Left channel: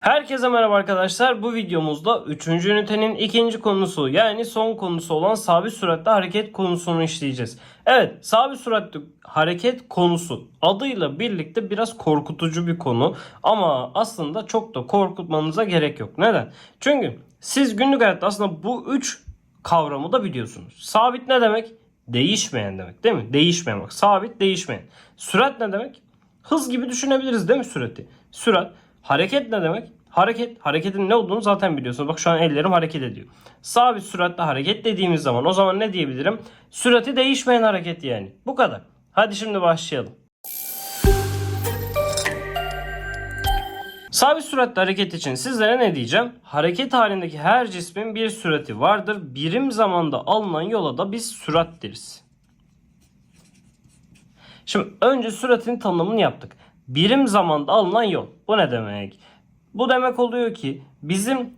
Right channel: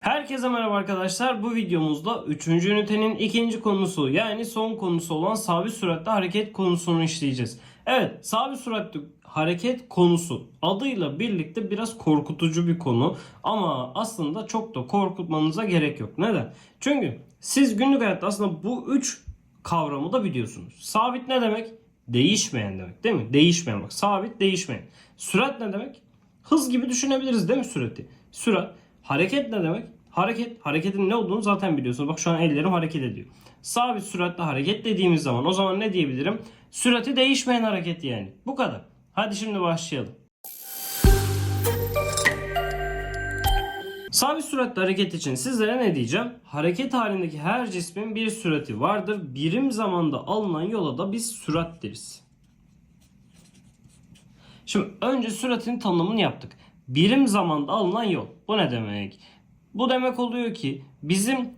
Herkese merhaba arkadaşlar. Bu videomuzda 3. ünitenin ikinci konusu yani son konusu olan sabit süratle hareket konusunu işleyeceğiz. Evet sabit süratli hareket konusu adıyla birlikte biraz korkutucu bir konu ama aslında çok da korkutmanıza gerek yok. Neden? Çünkü siz günlük hayatta aslında bu 3 kavramı da biliyorsunuz. Sabit ne demek? Değişmeyen demek değil mi? Değişmeyen. Sabit değişmeyen. Sürat ne demek? Hız gibi düşünebiliriz değil mi sürati? Sürat. Hareket ne demek? Hareket. Hareketin ne olduğunu zaten biliyorsunuz. Bak şu an ellerim hareket ediyor. Sabit süratle hareket dediğimiz zaman o zaman ne diyebilirim? Sürati değişmeyen hareket yani. Bu kadar. Hadi şimdi başlayalım. Sabit süratli hareket için sizlere ne diyeceğim? Hareket halindeki her cismin bir sürati vardır. Birim zamanda alınan yola da biz sürat deriz. Şimdi önce süratin tanımını yaptık. Birim zamanda alınan yol. Bu ne demek? Bu demek oluyor ki bizim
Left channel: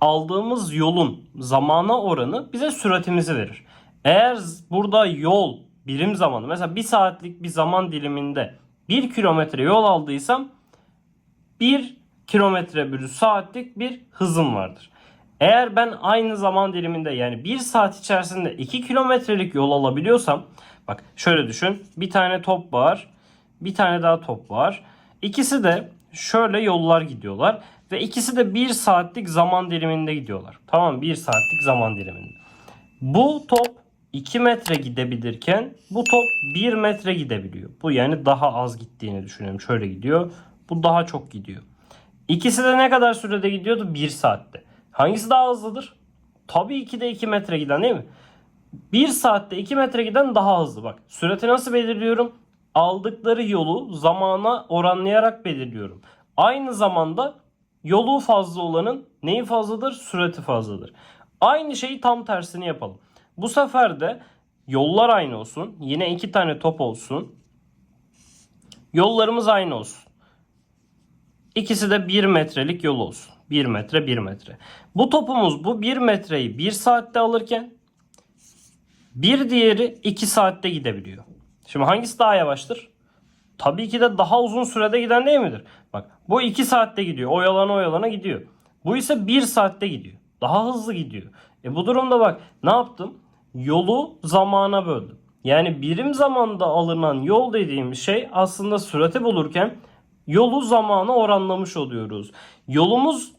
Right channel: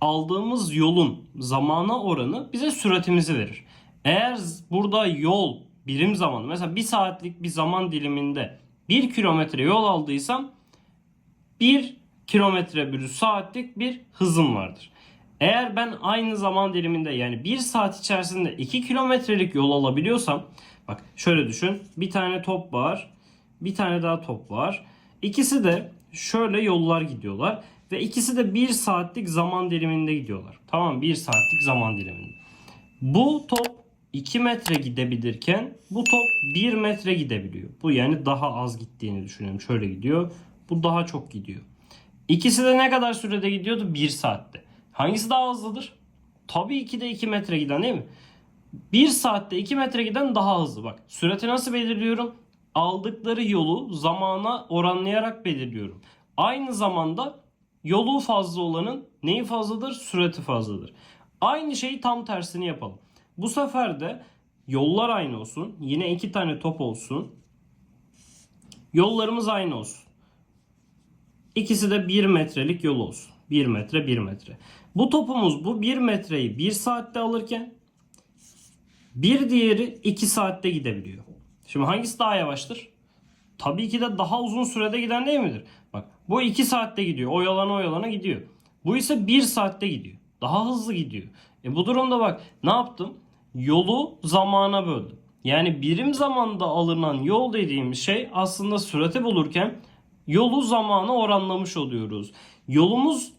aldığımız yolun zamana oranı bize süratimizi verir. Eğer burada yol birim zamanı mesela bir saatlik bir zaman diliminde 1 kilometre yol aldıysam 1 kilometre bölü saatlik bir hızım vardır. Eğer ben aynı zaman diliminde yani 1 saat içerisinde 2 kilometrelik yol alabiliyorsam bak şöyle düşün bir tane top var bir tane daha top var. İkisi de şöyle yollar gidiyorlar ve ikisi de 1 saatlik zaman diliminde gidiyorlar. Tamam 1 saatlik zaman diliminde. Bu top 2 metre gidebilirken bu top 1 metre gidebiliyor. Bu yani daha az gittiğini düşünelim. Şöyle gidiyor. Bu daha çok gidiyor. İkisi de ne kadar sürede gidiyordu? 1 saatte. Hangisi daha hızlıdır? Tabii ki de 2 metre giden değil mi? 1 saatte 2 metre giden daha hızlı. Bak sürati nasıl belirliyorum? Aldıkları yolu zamana oranlayarak belirliyorum. Aynı zamanda yolu fazla olanın neyi fazladır? Sürati fazladır. Aynı şeyi tam tersini yapalım. Bu sefer de yollar aynı olsun. Yine iki tane top olsun. Yollarımız aynı olsun. İkisi de 1 metrelik yol olsun. 1 metre 1 metre. Bu topumuz bu 1 metreyi 1 saatte alırken bir diğeri 2 saatte gidebiliyor. Şimdi hangisi daha yavaştır? Tabii ki de daha uzun sürede giden değil midir? Bak bu 2 saatte gidiyor. Oyalana oyalana gidiyor. Bu ise 1 saatte gidiyor. Daha hızlı gidiyor. E bu durumda bak ne yaptım? Yolu zamana böldüm. Yani birim zamanda alınan yol dediğimiz şey aslında sürati bulurken yolu zamana oranlamış oluyoruz. Yolumuz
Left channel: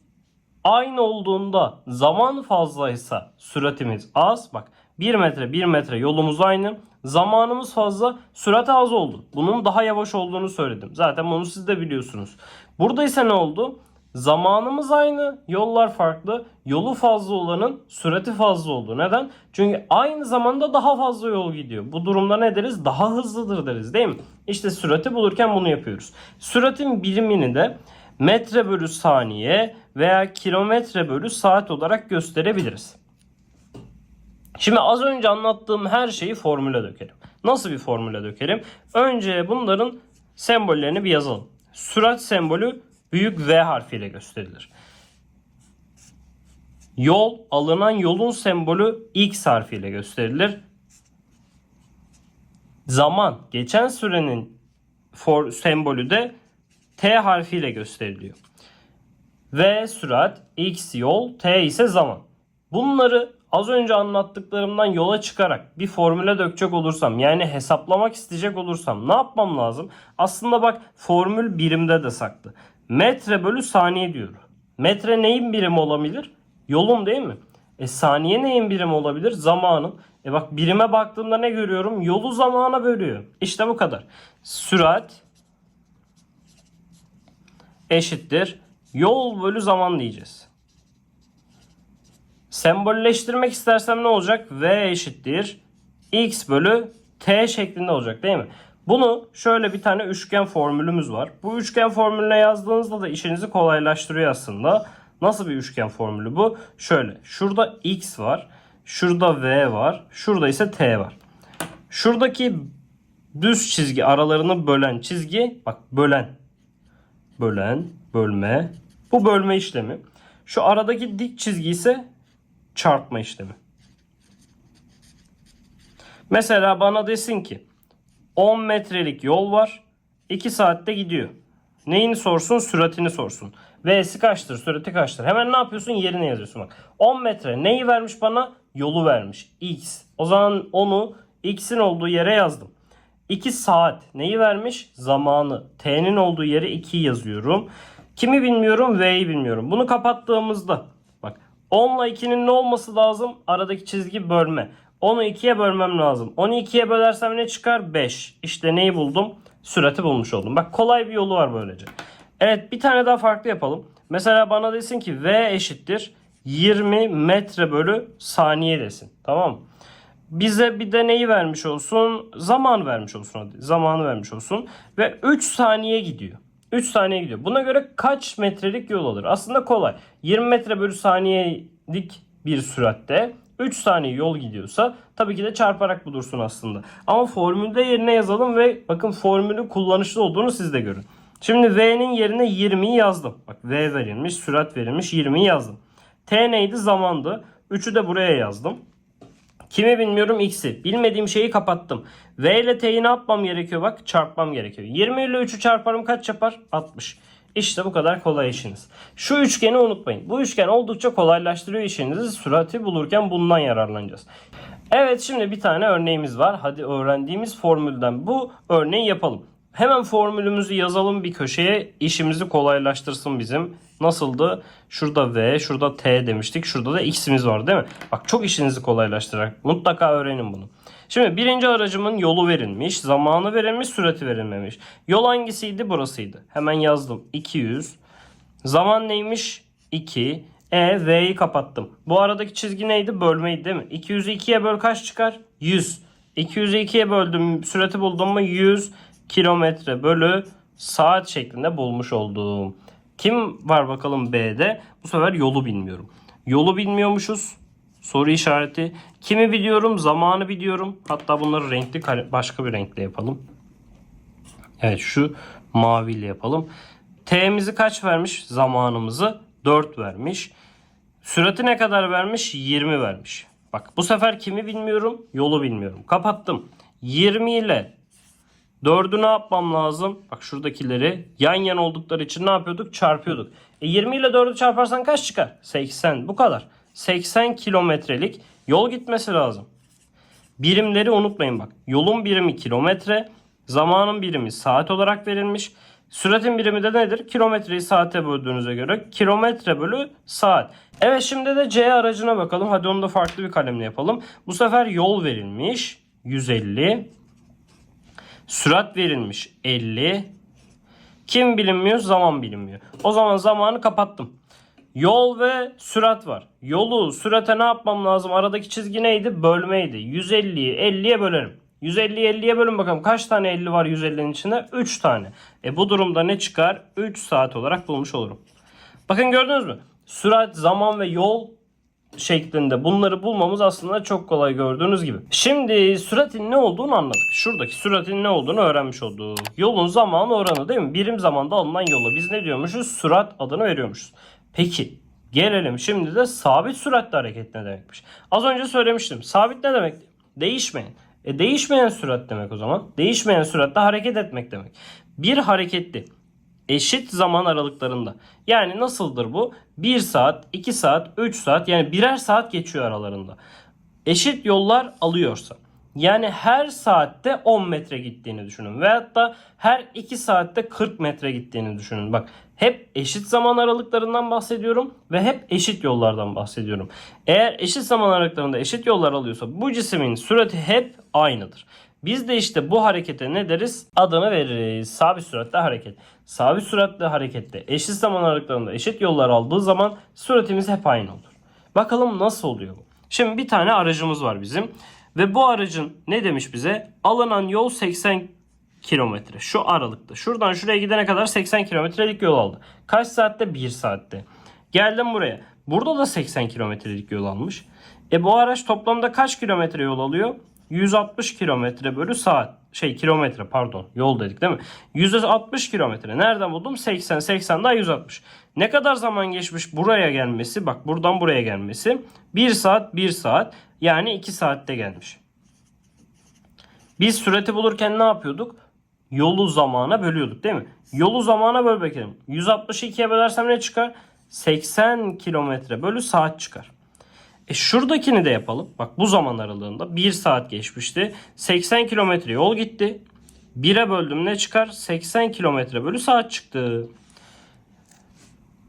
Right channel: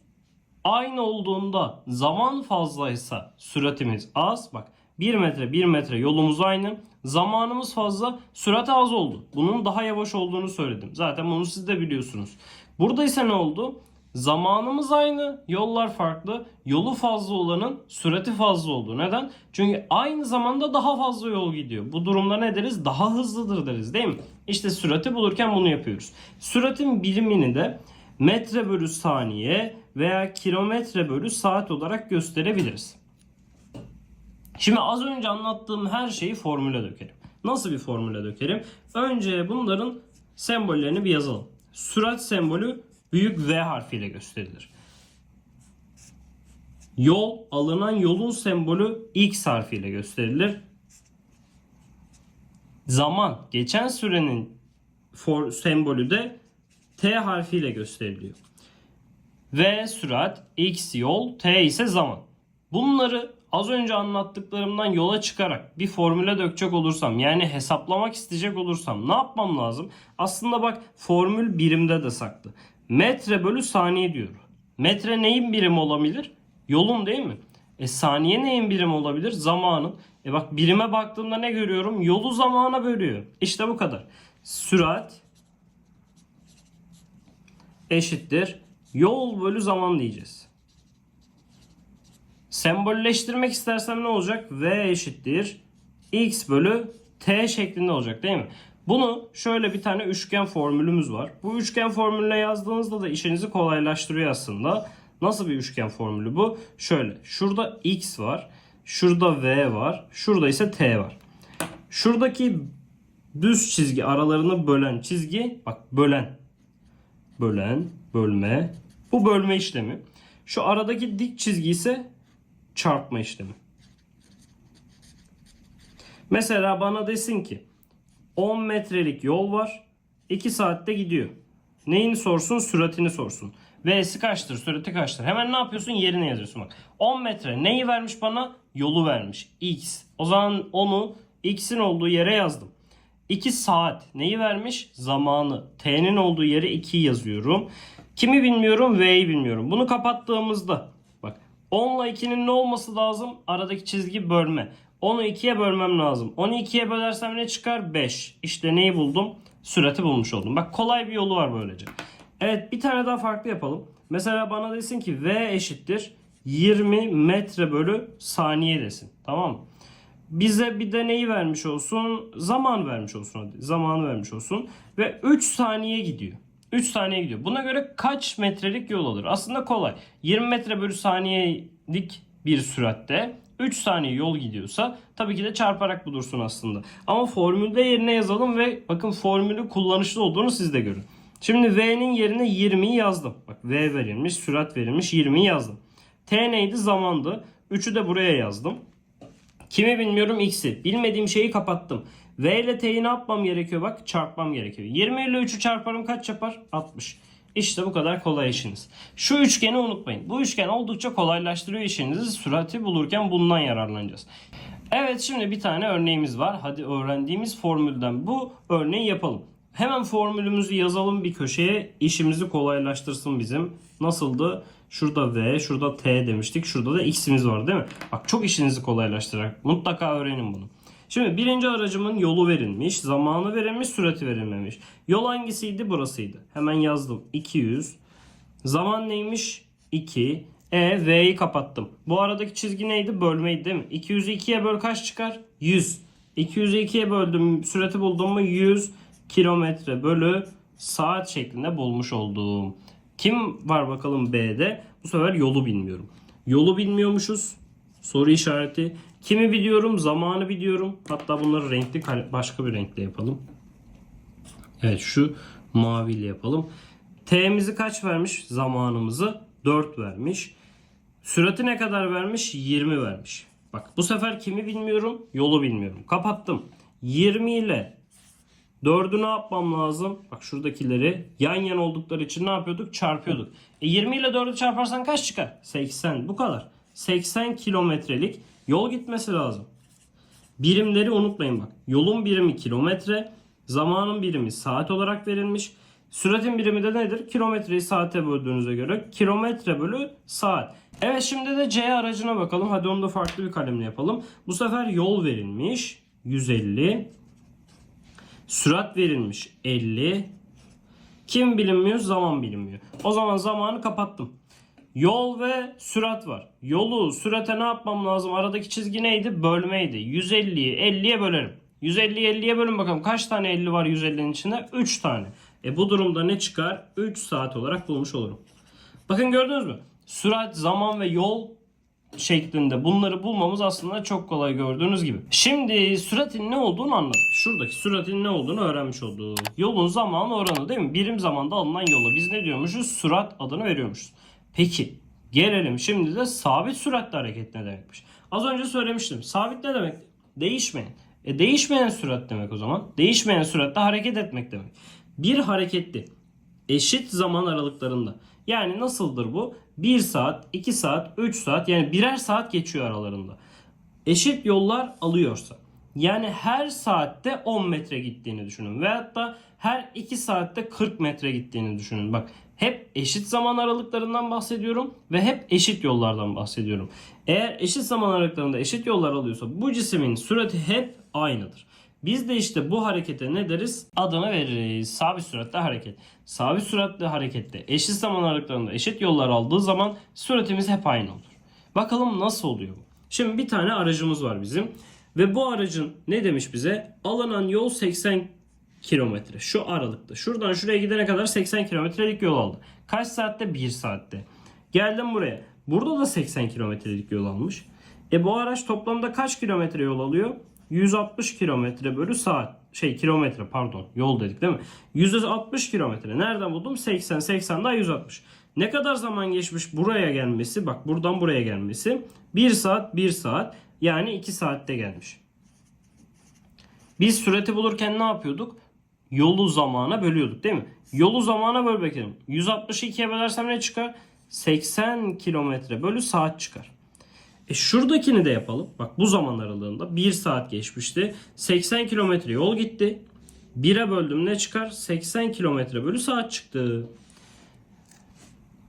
aynı olduğunda zaman fazlaysa süratimiz az. Bak 1 metre 1 metre yolumuz aynı. Zamanımız fazla, sürat az oldu. Bunun daha yavaş olduğunu söyledim. Zaten bunu siz de biliyorsunuz. Burada ise ne oldu? Zamanımız aynı, yollar farklı. Yolu fazla olanın sürati fazla oldu. Neden? Çünkü aynı zamanda daha fazla yol gidiyor. Bu durumda ne deriz? Daha hızlıdır deriz değil mi? İşte sürati bulurken bunu yapıyoruz. Süratin birimini de metre bölü saniye veya kilometre bölü saat olarak gösterebiliriz. Şimdi az önce anlattığım her şeyi formüle dökelim. Nasıl bir formüle dökelim? Önce bunların sembollerini bir yazalım. Sürat sembolü büyük V harfiyle gösterilir. Yol, alınan yolun sembolü X harfiyle gösterilir. Zaman, geçen sürenin for, sembolü de T harfiyle gösteriliyor. V sürat, X yol, T ise zaman. Bunları az önce anlattıklarımdan yola çıkarak bir formüle dökecek olursam yani hesaplamak isteyecek olursam ne yapmam lazım? Aslında bak formül birimde de saklı. Metre bölü saniye diyor. Metre neyin birimi olabilir? Yolun değil mi? E saniye neyin birimi olabilir? Zamanın. E bak birime baktığımda ne görüyorum? Yolu zamana bölüyor. İşte bu kadar. Sürat eşittir. Yol bölü zaman diyeceğiz. Sembolleştirmek istersem ne olacak? V eşittir. X bölü T şeklinde olacak değil mi? Bunu şöyle bir tane üçgen formülümüz var. Bu üçgen formülüne yazdığınızda da işinizi kolaylaştırıyor aslında. Nasıl bir üçgen formülü bu? Şöyle. Şurada X var. Şurada V var. Şurada ise T var. Şuradaki düz çizgi aralarını bölen çizgi bak bölen. Bölen, bölme. Bu bölme işlemi. Şu aradaki dik çizgi ise çarpma işlemi. Mesela bana desin ki 10 metrelik yol var. 2 saatte gidiyor. Neyini sorsun? Süratini sorsun. V'si kaçtır? Sürati kaçtır? Hemen ne yapıyorsun? Yerini yazıyorsun. Bak. 10 metre neyi vermiş bana? Yolu vermiş. X. O zaman onu X'in olduğu yere yazdım. 2 saat neyi vermiş? Zamanı. T'nin olduğu yere 2 yazıyorum. Kimi bilmiyorum? V'yi bilmiyorum. Bunu kapattığımızda 10 ile 2'nin ne olması lazım? Aradaki çizgi bölme. 10'u 2'ye bölmem lazım. 10'u 2'ye bölersem ne çıkar? 5. İşte neyi buldum? Sürati bulmuş oldum. Bak kolay bir yolu var böylece. Evet bir tane daha farklı yapalım. Mesela bana desin ki V eşittir 20 metre bölü saniye desin. Tamam mı? Bize bir de neyi vermiş olsun? Zaman vermiş olsun. Zamanı vermiş olsun. Ve 3 saniye gidiyor. 3 saniye gidiyor. Buna göre kaç metrelik yol alır? Aslında kolay. 20 metre bölü saniyelik bir süratte 3 saniye yol gidiyorsa tabii ki de çarparak bulursun aslında. Ama formülde yerine yazalım ve bakın formülün kullanışlı olduğunu siz de görün. Şimdi V'nin yerine 20'yi yazdım. Bak V verilmiş, sürat verilmiş 20'yi yazdım. T neydi? Zamandı. 3'ü de buraya yazdım. Kimi bilmiyorum x'i. Bilmediğim şeyi kapattım. V ile t'yi ne yapmam gerekiyor bak çarpmam gerekiyor. 20 ile 3'ü çarparım kaç yapar? 60. İşte bu kadar kolay işiniz. Şu üçgeni unutmayın. Bu üçgen oldukça kolaylaştırıyor işinizi. Sürati bulurken bundan yararlanacağız. Evet şimdi bir tane örneğimiz var. Hadi öğrendiğimiz formülden bu örneği yapalım. Hemen formülümüzü yazalım bir köşeye. işimizi kolaylaştırsın bizim. Nasıldı? Şurada V, şurada T demiştik. Şurada da X'imiz var değil mi? Bak çok işinizi kolaylaştırır. Mutlaka öğrenin bunu. Şimdi birinci aracımın yolu verilmiş, zamanı verilmiş, sürati verilmemiş. Yol hangisiydi? Burasıydı. Hemen yazdım. 200. Zaman neymiş? 2. E, V'yi kapattım. Bu aradaki çizgi neydi? Bölmeydi değil mi? 200'ü 2'ye böl kaç çıkar? 100. 200'ü 2'ye böldüm. Sürati buldum mu? 100 kilometre bölü saat şeklinde bulmuş oldum. Kim var bakalım B'de? Bu sefer yolu bilmiyorum. Yolu bilmiyormuşuz. Soru işareti. Kimi biliyorum? Zamanı biliyorum. Hatta bunları renkli başka bir renkle yapalım. Evet şu maviyle yapalım. T'mizi kaç vermiş? Zamanımızı 4 vermiş. Sürati ne kadar vermiş? 20 vermiş. Bak bu sefer kimi bilmiyorum? Yolu bilmiyorum. Kapattım. 20 ile 4'ü ne yapmam lazım? Bak şuradakileri yan yana oldukları için ne yapıyorduk? Çarpıyorduk. E 20 ile 4'ü çarparsan kaç çıkar? 80. Bu kadar. 80 kilometrelik yol gitmesi lazım. Birimleri unutmayın bak. Yolun birimi kilometre, zamanın birimi saat olarak verilmiş. Süratin birimi de nedir? Kilometreyi saate böldüğünüze göre kilometre bölü saat. Evet şimdi de C aracına bakalım. Hadi onu da farklı bir kalemle yapalım. Bu sefer yol verilmiş. 150. Sürat verilmiş 50. Kim bilinmiyor? Zaman bilinmiyor. O zaman zamanı kapattım. Yol ve sürat var. Yolu sürate ne yapmam lazım? Aradaki çizgi neydi? Bölmeydi. 150'yi 50'ye bölerim. 150'yi 50'ye bölün bakalım. Kaç tane 50 var 150'nin içinde? 3 tane. E bu durumda ne çıkar? 3 saat olarak bulmuş olurum. Bakın gördünüz mü? Sürat, zaman ve yol şeklinde bunları bulmamız aslında çok kolay gördüğünüz gibi. Şimdi süratin ne olduğunu anladık. Şuradaki süratin ne olduğunu öğrenmiş olduk. Yolun zamanı oranı değil mi? Birim zamanda alınan yola biz ne diyormuşuz? Sürat adını veriyormuşuz. Peki gelelim şimdi de sabit süratle hareket ne demekmiş? Az önce söylemiştim. Sabit ne demek? Değişmeyen. E değişmeyen sürat demek o zaman. Değişmeyen süratle hareket etmek demek. Bir hareketli eşit zaman aralıklarında. Yani nasıldır bu? 1 saat, 2 saat, 3 saat yani birer saat geçiyor aralarında. Eşit yollar alıyorsa. Yani her saatte 10 metre gittiğini düşünün. Veyahut da her 2 saatte 40 metre gittiğini düşünün. Bak hep eşit zaman aralıklarından bahsediyorum ve hep eşit yollardan bahsediyorum. Eğer eşit zaman aralıklarında eşit yollar alıyorsa bu cismin sürati hep aynıdır. Biz de işte bu harekete ne deriz? Adını veririz. Sabit süratle hareket. Sabit süratle harekette eşit zaman aralıklarında eşit yollar aldığı zaman süratimiz hep aynı olur. Bakalım nasıl oluyor bu? Şimdi bir tane aracımız var bizim. Ve bu aracın ne demiş bize? Alınan yol 80 kilometre. Şu aralıkta. Şuradan şuraya gidene kadar 80 kilometrelik yol aldı. Kaç saatte? 1 saatte. Geldim buraya. Burada da 80 kilometrelik yol almış. E bu araç toplamda kaç kilometre yol alıyor? 160 kilometre bölü saat. Şey kilometre pardon. Yol dedik değil mi? 160 kilometre. Nereden buldum? 80. 80 daha 160. Ne kadar zaman geçmiş buraya gelmesi? Bak buradan buraya gelmesi. 1 saat 1 saat. Yani 2 saatte gelmiş. Biz sürati bulurken ne yapıyorduk? yolu zamana bölüyorduk değil mi? Yolu zamana böl bakalım. 160'ı 2'ye bölersem ne çıkar? 80 kilometre bölü saat çıkar. E şuradakini de yapalım. Bak bu zaman aralığında 1 saat geçmişti. 80 kilometre yol gitti. 1'e böldüm ne çıkar? 80 kilometre bölü saat çıktı.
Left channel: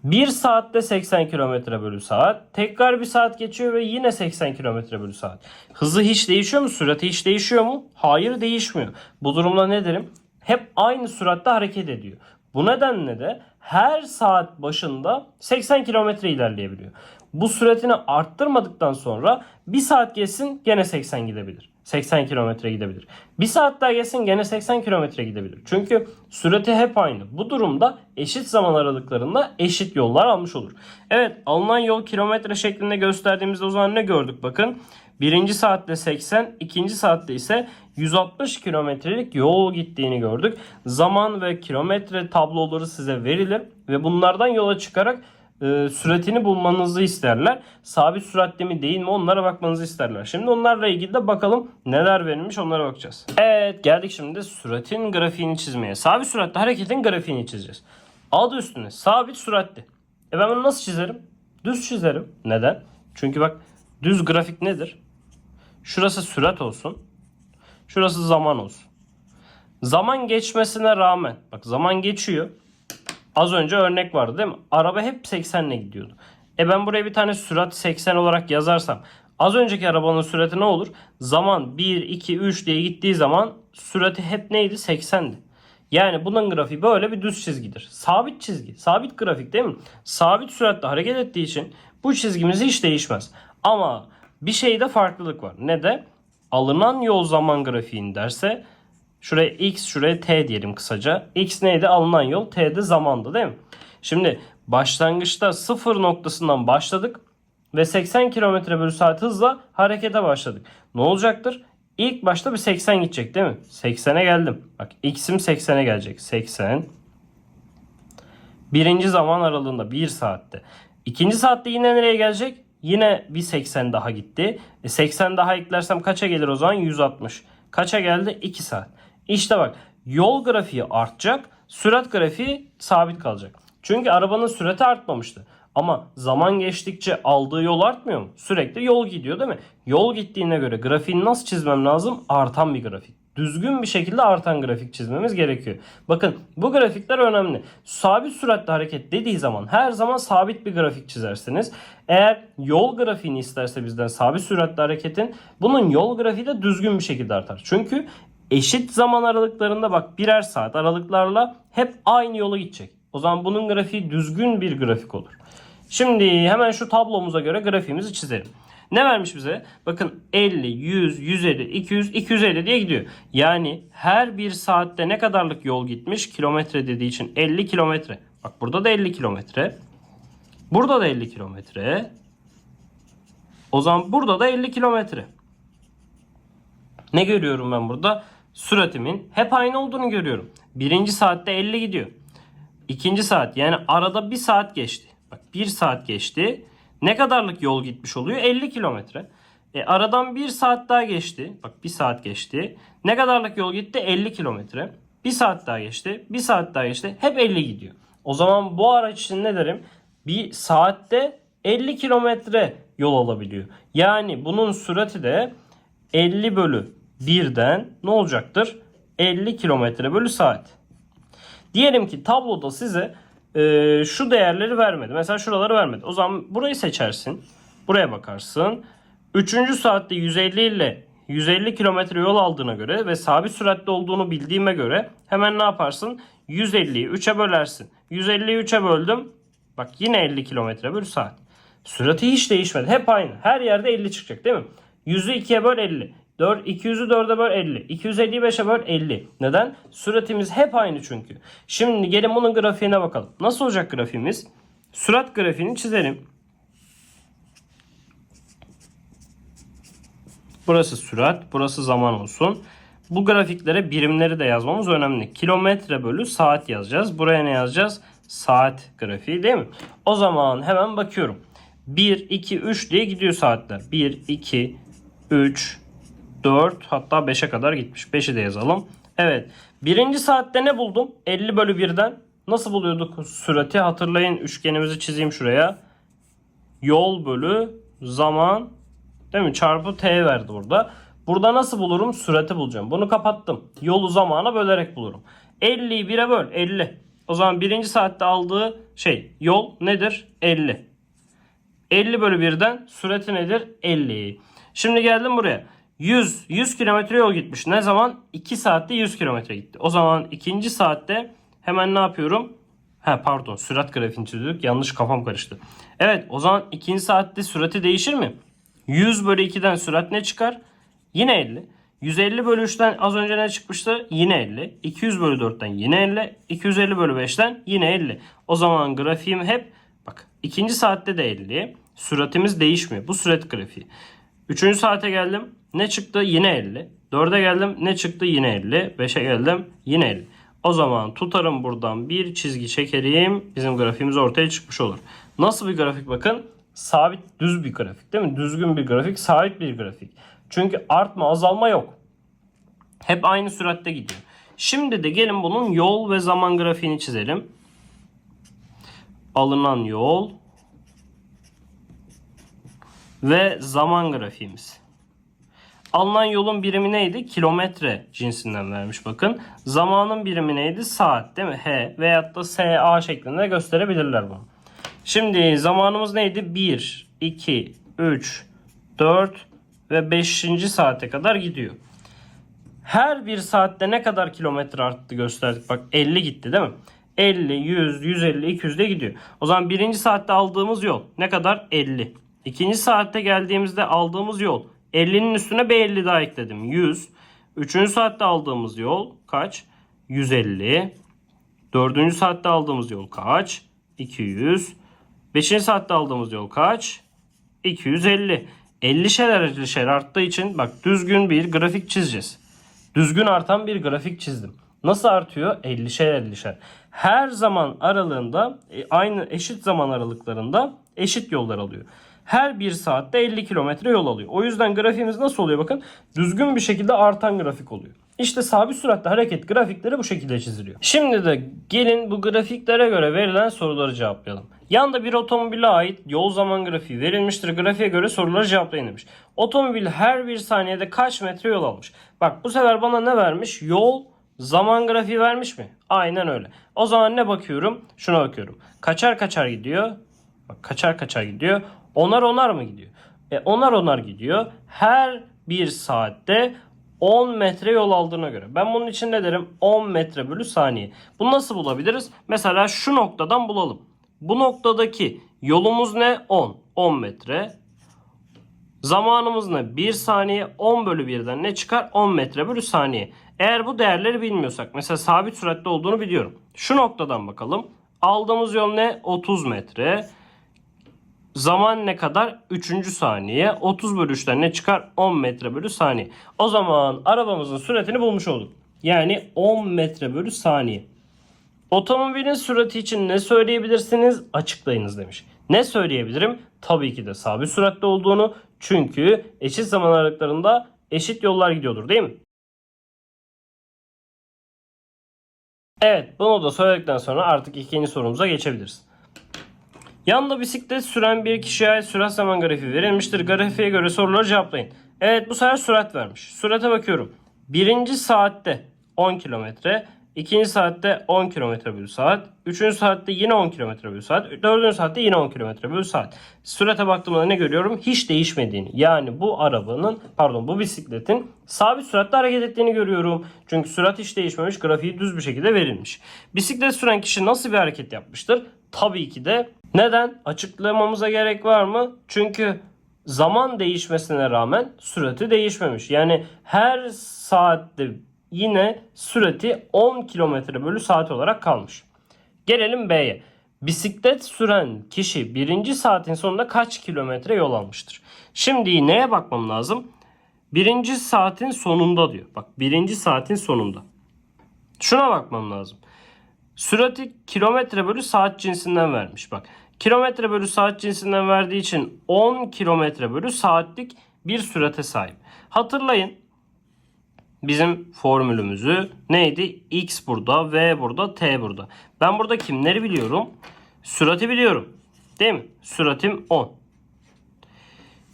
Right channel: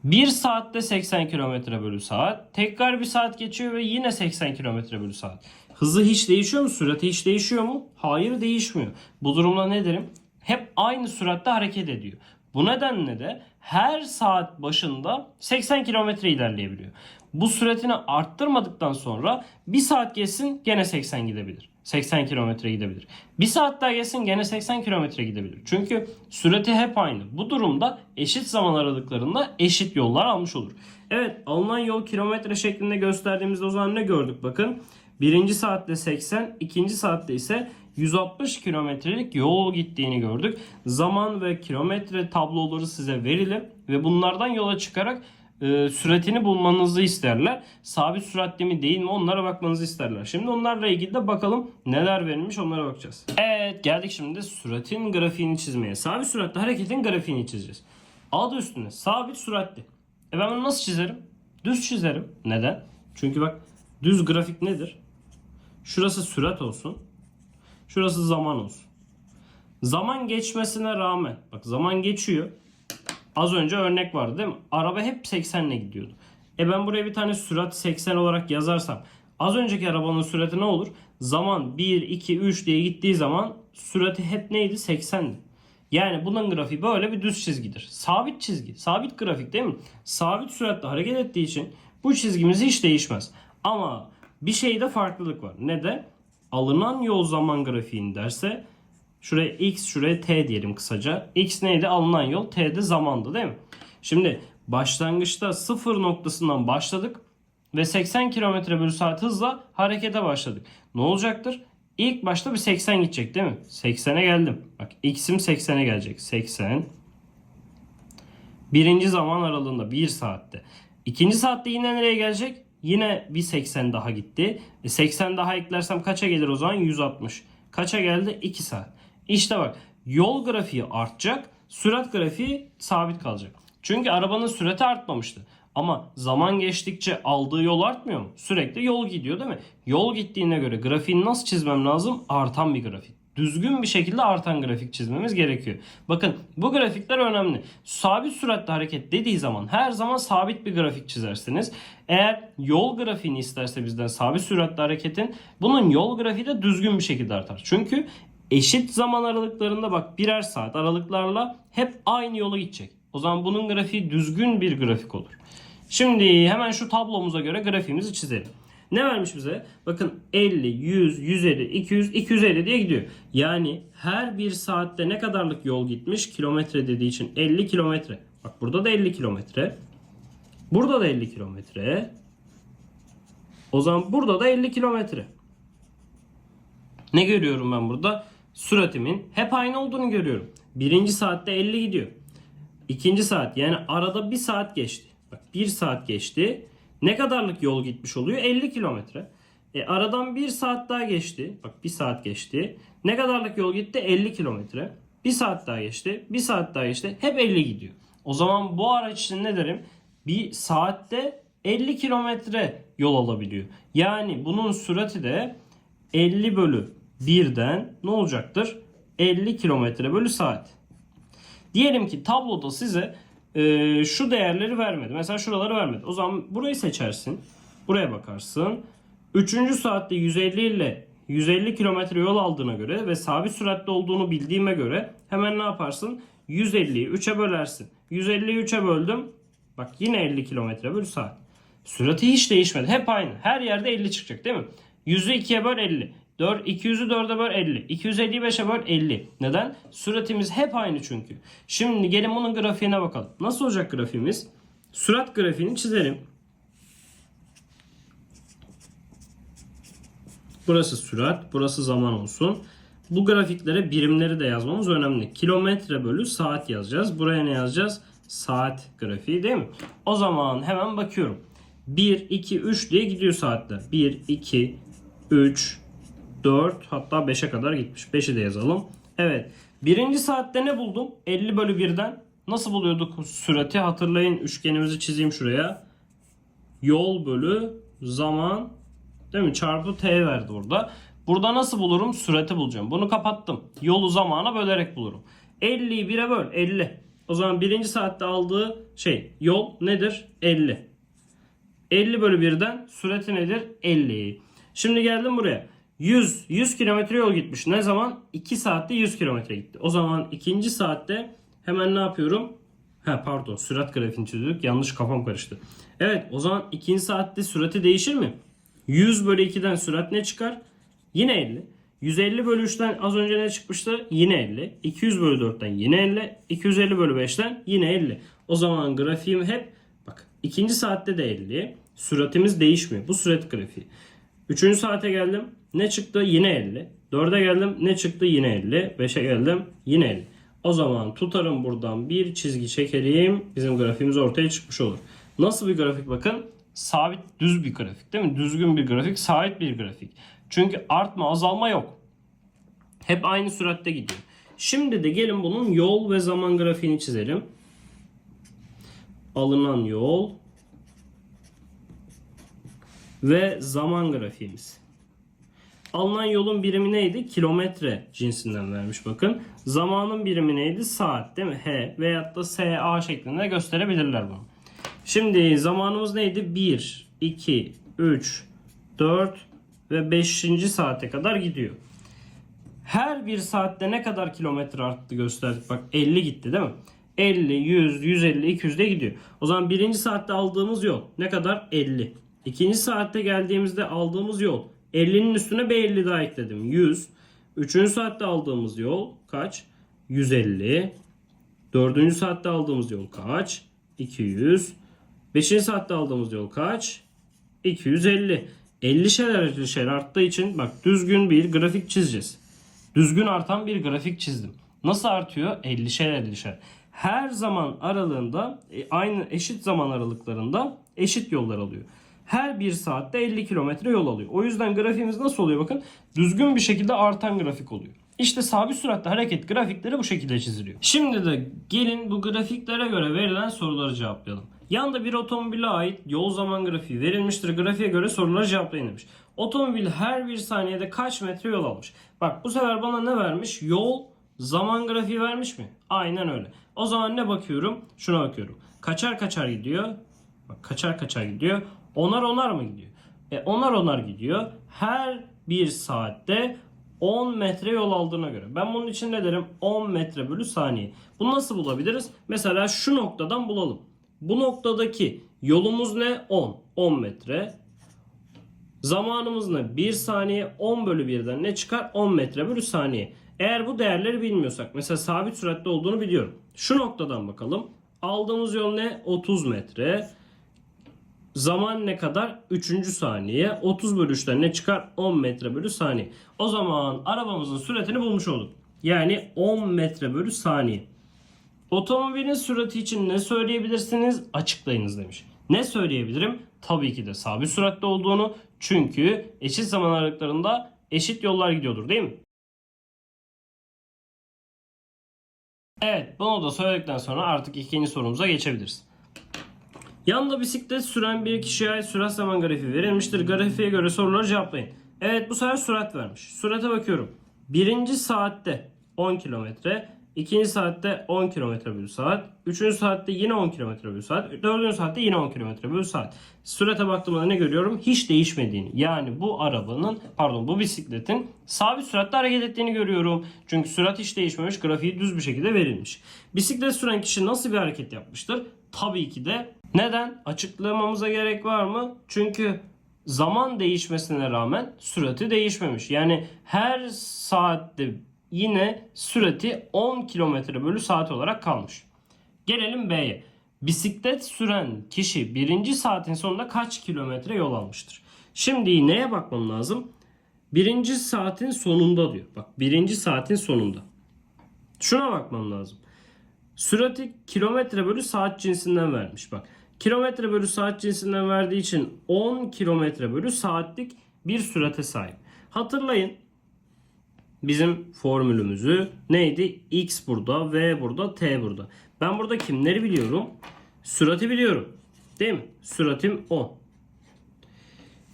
1 saatte 80 kilometre bölü saat. Tekrar bir saat geçiyor ve yine 80 kilometre bölü saat. Hızı hiç değişiyor mu? Sürati hiç değişiyor mu? Hayır değişmiyor. Bu durumda ne derim? Hep aynı süratte hareket ediyor. Bu nedenle de her saat başında 80 kilometre ilerleyebiliyor. Bu süratini arttırmadıktan sonra bir saat geçsin gene 80 gidebilir. 80 kilometre gidebilir. Bir saat daha geçsin gene 80 kilometre gidebilir. Çünkü sürati hep aynı. Bu durumda eşit zaman aralıklarında eşit yollar almış olur. Evet alınan yol kilometre şeklinde gösterdiğimizde o zaman ne gördük bakın. Birinci saatte 80, ikinci saatte ise 160 kilometrelik yol gittiğini gördük. Zaman ve kilometre tabloları size verilir ve bunlardan yola çıkarak e, süratini bulmanızı isterler. Sabit süratte mi değil mi onlara bakmanızı isterler. Şimdi onlarla ilgili de bakalım neler verilmiş onlara bakacağız. Evet geldik şimdi süratin grafiğini çizmeye. Sabit süratte hareketin grafiğini çizeceğiz. Adı üstüne sabit süratli. E ben bunu nasıl çizerim? Düz çizerim. Neden? Çünkü bak düz grafik nedir? Şurası sürat olsun. Şurası zaman olsun. Zaman geçmesine rağmen bak zaman geçiyor. Az önce örnek vardı değil mi? Araba hep 80 ile gidiyordu. E ben buraya bir tane sürat 80 olarak yazarsam az önceki arabanın sürati ne olur? Zaman 1, 2, 3 diye gittiği zaman sürati hep neydi? 80'di. Yani bunun grafiği böyle bir düz çizgidir. Sabit çizgi, sabit grafik değil mi? Sabit süratle hareket ettiği için bu çizgimiz hiç değişmez. Ama bir şeyde farklılık var. Ne de? Alınan yol zaman grafiğin derse Şuraya x, şuraya t diyelim kısaca. x neydi? Alınan yol. t de zamandı değil mi? Şimdi başlangıçta sıfır noktasından başladık ve 80 km bölü saat hızla harekete başladık. Ne olacaktır? İlk başta bir 80 gidecek değil mi? 80'e geldim. Bak x'im 80'e gelecek. 80. Birinci zaman aralığında 1 saatte. İkinci saatte yine nereye gelecek? Yine bir 80 daha gitti. E 80 daha eklersem kaça gelir o zaman? 160. Kaça geldi? 2 saat. İşte bak yol grafiği artacak, sürat grafiği sabit kalacak. Çünkü arabanın sürati artmamıştı. Ama zaman geçtikçe aldığı yol artmıyor mu? Sürekli yol gidiyor değil mi? Yol gittiğine göre grafiğini nasıl çizmem lazım? Artan bir grafik. Düzgün bir şekilde artan grafik çizmemiz gerekiyor. Bakın bu grafikler önemli. Sabit süratle hareket dediği zaman her zaman sabit bir grafik çizersiniz. Eğer yol grafiğini isterse bizden sabit süratle hareketin bunun yol grafiği de düzgün bir şekilde artar. Çünkü eşit zaman aralıklarında bak birer saat aralıklarla hep aynı yolu gidecek. O zaman bunun grafiği düzgün bir grafik olur. Şimdi hemen şu tablomuza göre grafiğimizi çizelim. Ne vermiş bize? Bakın 50, 100, 150, 200, 250 diye gidiyor. Yani her bir saatte ne kadarlık yol gitmiş? Kilometre dediği için 50 kilometre. Bak burada da 50 kilometre. Burada da 50 kilometre. O zaman burada da 50 kilometre. Ne görüyorum ben burada? Süratimin hep aynı olduğunu görüyorum. Birinci saatte 50 gidiyor. İkinci saat yani arada bir saat geçti. Bak bir saat geçti. Ne kadarlık yol gitmiş oluyor? 50 kilometre. E, aradan bir saat daha geçti. Bak bir saat geçti. Ne kadarlık yol gitti? 50 kilometre. Bir saat daha geçti. Bir saat daha geçti. Hep 50 gidiyor. O zaman bu araç için ne derim? Bir saatte 50 kilometre yol alabiliyor. Yani bunun sürati de 50 bölü 1'den ne olacaktır? 50 kilometre bölü saat. Diyelim ki tabloda size e, şu değerleri vermedi. Mesela şuraları vermedi. O zaman burayı seçersin. Buraya bakarsın. Üçüncü saatte 150 ile 150 kilometre yol aldığına göre ve sabit süratte olduğunu bildiğime göre hemen ne yaparsın? 150'yi 3'e bölersin. 150'yi 3'e böldüm. Bak yine 50 kilometre bölü saat. Sürati hiç değişmedi. Hep aynı. Her yerde 50 çıkacak değil mi? 100'ü 2'ye böl 50. 4, 200'ü 4'e böl 50. 250'yi 5'e böl 50. Neden? Süratimiz hep aynı çünkü. Şimdi gelin bunun grafiğine bakalım. Nasıl olacak grafiğimiz? Sürat grafiğini çizelim. Burası sürat, burası zaman olsun. Bu grafiklere birimleri de yazmamız önemli. Kilometre bölü saat yazacağız. Buraya ne yazacağız? Saat grafiği değil mi? O zaman hemen bakıyorum. 1, 2, 3 diye gidiyor saatler. 1, 2, 3, 4 hatta 5'e kadar gitmiş. 5'i de yazalım. Evet. Birinci saatte ne buldum? 50 bölü 1'den. Nasıl buluyorduk sürati? Hatırlayın üçgenimizi çizeyim şuraya. Yol bölü zaman değil mi? Çarpı t verdi burada. Burada nasıl bulurum? Sürati bulacağım. Bunu kapattım. Yolu zamana bölerek bulurum. 50'yi 1'e böl. 50. O zaman birinci saatte aldığı şey yol nedir? 50. 50 bölü 1'den sürati nedir? 50. Şimdi geldim buraya. 100, 100 kilometre yol gitmiş. Ne zaman? 2 saatte 100 kilometre gitti. O zaman ikinci saatte hemen ne yapıyorum? Ha pardon sürat grafiğini çiziyorduk. Yanlış kafam karıştı. Evet o zaman ikinci saatte sürati değişir mi? 100 bölü 2'den sürat ne çıkar? Yine 50. 150 bölü 3'ten az önce ne çıkmıştı? Yine 50. 200 bölü 4'ten yine 50. 250 bölü 5'ten yine 50. O zaman grafiğim hep bak ikinci saatte de 50. Süratimiz değişmiyor. Bu sürat grafiği. Üçüncü saate geldim. Ne çıktı? Yine 50. Dörde geldim. Ne çıktı? Yine 50. Beşe geldim. Yine 50. O zaman tutarım buradan bir çizgi çekerim. Bizim grafiğimiz ortaya çıkmış olur. Nasıl bir grafik bakın? Sabit düz bir grafik değil mi? Düzgün bir grafik, sabit bir grafik. Çünkü artma azalma yok. Hep aynı süratte gidiyor. Şimdi de gelin bunun yol ve zaman grafiğini çizelim. Alınan yol ve zaman grafiğimiz. Alınan yolun birimi neydi? Kilometre cinsinden vermiş bakın. Zamanın birimi neydi? Saat değil mi? H veyahut da SA şeklinde gösterebilirler bunu. Şimdi zamanımız neydi? 1, 2, 3, 4 ve 5. saate kadar gidiyor. Her bir saatte ne kadar kilometre arttı gösterdik. Bak 50 gitti değil mi? 50, 100, 150, 200 de gidiyor. O zaman birinci saatte aldığımız yol ne kadar? 50. İkinci saatte geldiğimizde aldığımız yol 50'nin üstüne bir 50 daha ekledim. 100. Üçüncü saatte aldığımız yol kaç? 150. Dördüncü saatte aldığımız yol kaç? 200. Beşinci saatte aldığımız yol kaç? 250. 50 şer 50 şer arttığı için bak düzgün bir grafik çizeceğiz. Düzgün artan bir grafik çizdim. Nasıl artıyor? 50'şer 50'şer. Her zaman aralığında e, aynı eşit zaman aralıklarında eşit yollar alıyor. Her bir saatte 50 kilometre yol alıyor. O yüzden grafiğimiz nasıl oluyor bakın? Düzgün bir şekilde artan grafik oluyor. İşte sabit süratle hareket grafikleri bu şekilde çiziliyor. Şimdi de gelin bu grafiklere göre verilen soruları cevaplayalım. Yanda bir otomobile ait yol zaman grafiği verilmiştir. Grafiğe göre soruları cevaplayın demiş. Otomobil her bir saniyede kaç metre yol almış? Bak bu sefer bana ne vermiş? Yol zaman grafiği vermiş mi? Aynen öyle. O zaman ne bakıyorum? Şuna bakıyorum. Kaçar kaçar gidiyor. Bak kaçar kaçar gidiyor. Onar onar mı gidiyor? E onar onar gidiyor. Her bir saatte 10 metre yol aldığına göre. Ben bunun için ne derim? 10 metre bölü saniye. Bunu nasıl bulabiliriz? Mesela şu noktadan bulalım. Bu noktadaki yolumuz ne? 10. 10 metre. Zamanımız ne? 1 saniye 10 bölü 1'den ne çıkar? 10 metre bölü saniye. Eğer bu değerleri bilmiyorsak mesela sabit süratte olduğunu biliyorum. Şu noktadan bakalım. Aldığımız yol ne? 30 metre. Zaman ne kadar? 3. saniye. 30 bölü 3'ten ne çıkar? 10 metre bölü saniye. O zaman arabamızın süratini bulmuş olduk. Yani 10 metre bölü saniye. Otomobilin sürati için ne söyleyebilirsiniz? Açıklayınız demiş. Ne söyleyebilirim? Tabii ki de sabit süratte olduğunu. Çünkü eşit zaman aralıklarında eşit yollar gidiyordur değil mi? Evet bunu da söyledikten sonra artık ikinci sorumuza geçebiliriz. Yanında bisiklet süren bir kişiye ait sürat zaman grafiği verilmiştir. Grafiğe göre soruları cevaplayın. Evet bu sefer sürat vermiş. Sürate bakıyorum. Birinci saatte 10 kilometre. ikinci saatte 10 kilometre bölü saat. Üçüncü saatte yine 10 kilometre bölü saat. Dördüncü saatte yine 10 kilometre bölü saat. Sürate baktığımda ne görüyorum? Hiç değişmediğini. Yani bu arabanın pardon bu bisikletin sabit süratle hareket ettiğini görüyorum. Çünkü sürat hiç değişmemiş. Grafiği düz bir şekilde verilmiş. Bisiklet süren kişi nasıl bir hareket yapmıştır? Tabii ki de neden? Açıklamamıza gerek var mı? Çünkü zaman değişmesine rağmen sürati değişmemiş. Yani her saatte yine sürati 10 km bölü saat olarak kalmış. Gelelim B'ye. Bisiklet süren kişi birinci saatin sonunda kaç kilometre yol almıştır? Şimdi neye bakmam lazım? Birinci saatin sonunda diyor. Bak birinci saatin sonunda. Şuna bakmam lazım. Sürati kilometre bölü saat cinsinden vermiş. Bak kilometre bölü saat cinsinden verdiği için 10 kilometre bölü saatlik bir sürate sahip. Hatırlayın bizim formülümüzü neydi? X burada, V burada, T burada. Ben burada kimleri biliyorum? Sürati biliyorum. Değil mi? Süratim 10.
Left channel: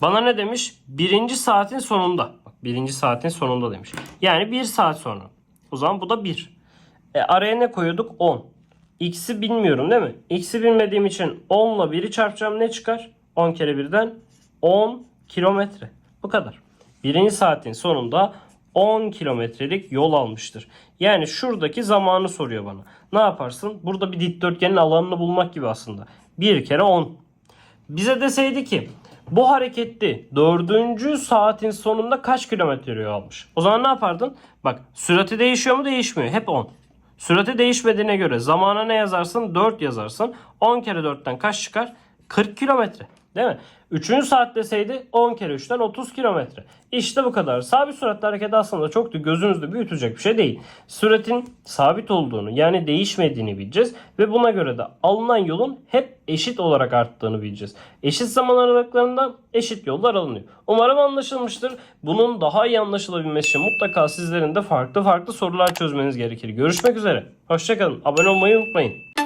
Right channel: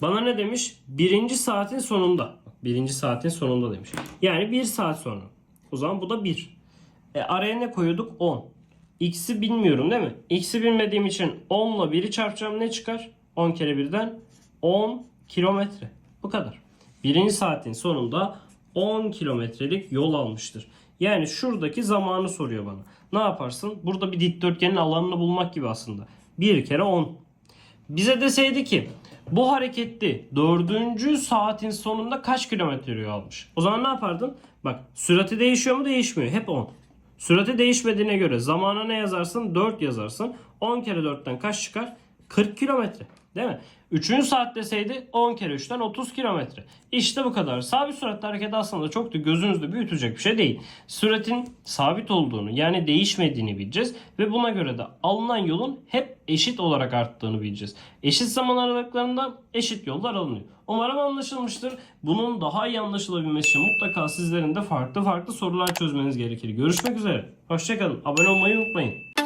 Bana ne demiş? Birinci saatin sonunda. Birinci saatin sonunda demiş. Yani bir saat sonra. O zaman bu da 1. E, araya ne koyuyorduk? 10. X'i bilmiyorum değil mi? X'i bilmediğim için 10 ile 1'i çarpacağım ne çıkar? 10 kere 1'den 10 kilometre. Bu kadar. Birinci saatin sonunda 10 kilometrelik yol almıştır. Yani şuradaki zamanı soruyor bana. Ne yaparsın? Burada bir dikdörtgenin alanını bulmak gibi aslında. 1 kere 10. Bize deseydi ki bu hareketli dördüncü saatin sonunda kaç kilometre yol almış? O zaman ne yapardın? Bak sürati değişiyor mu değişmiyor. Hep 10. Sürati değişmediğine göre zamana ne yazarsın? 4 yazarsın. 10 kere 4'ten kaç çıkar? 40 kilometre. Değil mi? Üçüncü saat deseydi 10 kere 3'ten 30 kilometre. İşte bu kadar. Sabit süratli hareket aslında çok da gözünüzde büyütecek bir şey değil. Süratin sabit olduğunu yani değişmediğini bileceğiz. Ve buna göre de alınan yolun hep eşit olarak arttığını bileceğiz. Eşit zaman aralıklarından eşit yollar alınıyor. Umarım anlaşılmıştır. Bunun daha iyi anlaşılabilmesi için mutlaka sizlerin de farklı farklı sorular çözmeniz gerekir. Görüşmek üzere. Hoşçakalın. Abone olmayı unutmayın.